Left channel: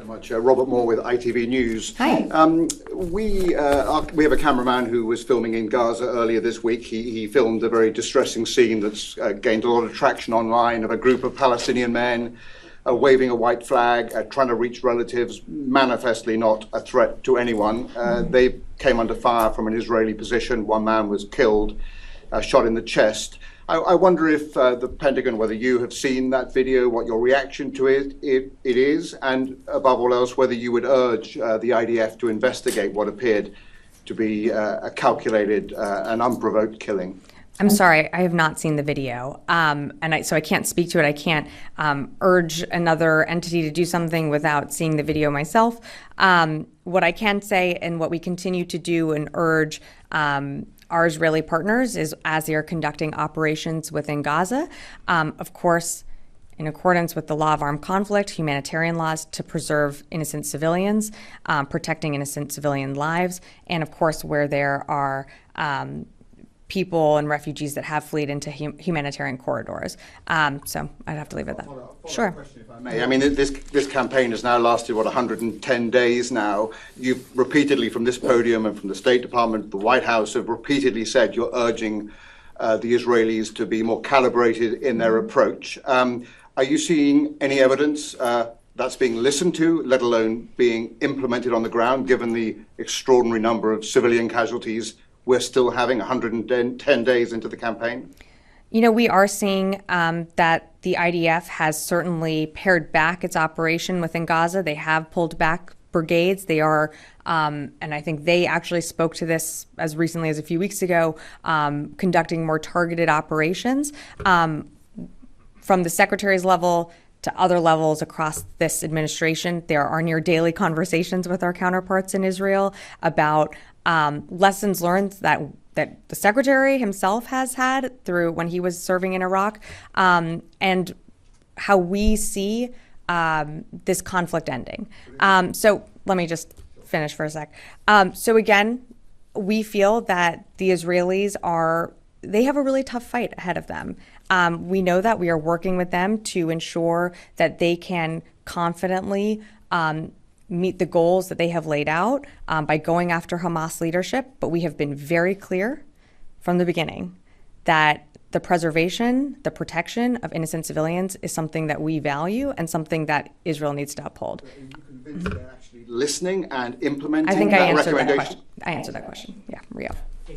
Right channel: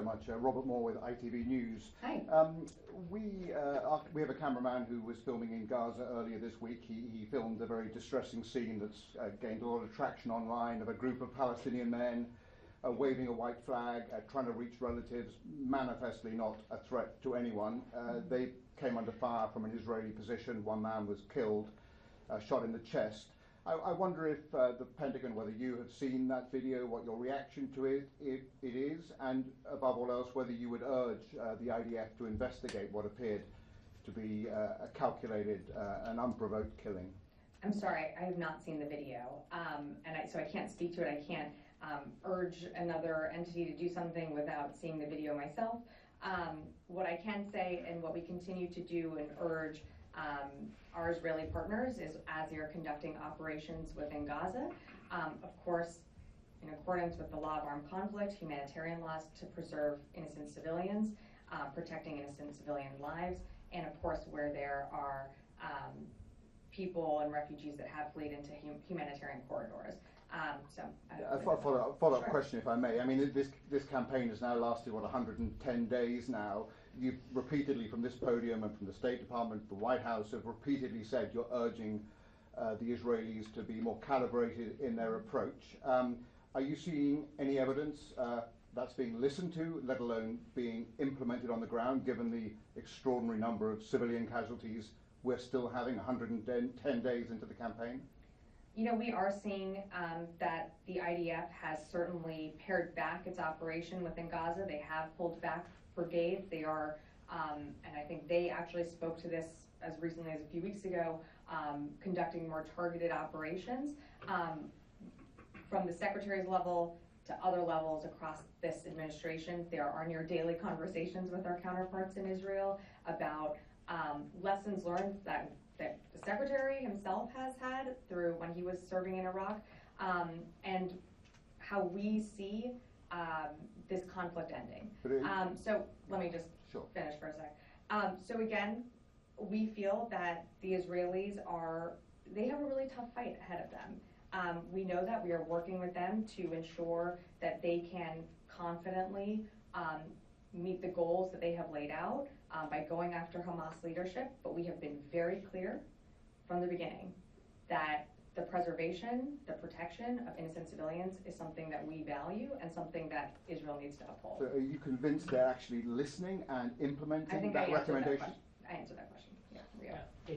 so much. Robert Moore with ITV News. Hi. We have a cameraman who was filming in Gaza earlier this week. He filmed a very distressing scene that's gained a lot of traction online of a group of Palestinian men waving a white flag, trying to reach relatives, manifestly not a threat to anyone. They came under fire from an Israeli position. One man was killed, shot in the chest. I wonder if the Pentagon, whether you have seen that video, what your reaction to it is, and above all else, whether you would urge the IDF to investigate what appeared to be a calculated and unprovoked killing. I'm sorry, I have not seen the video, so I can't speak to it. I can't urge another entity to do something without seeing the video myself. What I can say, and what we continue to do and urge our Israeli partners, is as they are conducting operations within Gaza, of course, in accordance with the law of armed conflict, humanitarian laws, to preserve innocent civilians, protecting innocent civilian lives, and of course where there are people and refugees that have fled into humanitarian corridors. So I'd have to leave it at that. Follow-up question, if I may. I mean, this campaign has now lasted, 110 days now. You've repeatedly, from this podium and from the State Department, the White House, have repeatedly said you're urging the Israelis to be more calibrated in their approach. Are you seeing any evidence that's being listened to, let alone being implemented on the ground, given the extraordinary number of civilian casualties we're still having 110 days into the campaign? You know, we are seeing that the IDF has certainly pared back its operation within Gaza. They have pulled back brigades. They are, and I think they actually spoke to this as recently as a few weeks ago, conducting more targeted operations. From the secretary's level to other levels across this administration, there are near daily conversations with our counterparts in Israel about lessons learned that the secretary himself has had through when he was serving in Iraq, and how we see this conflict ending. So let me just finish for a sec. So again, we feel that the Israelis they have a really tough fight ahead of them. We know that we are working with them to ensure that they can confidently meet the goals that they have laid out by going after Hamas leadership. But we have been very clear from the beginning that the preservation, the protection of innocent civilians is something that we value and something that Israel needs to uphold. Are you convinced they're actually listening and implementing I think I that answered that recommendation? question. I answered that question. Yeah, Rio.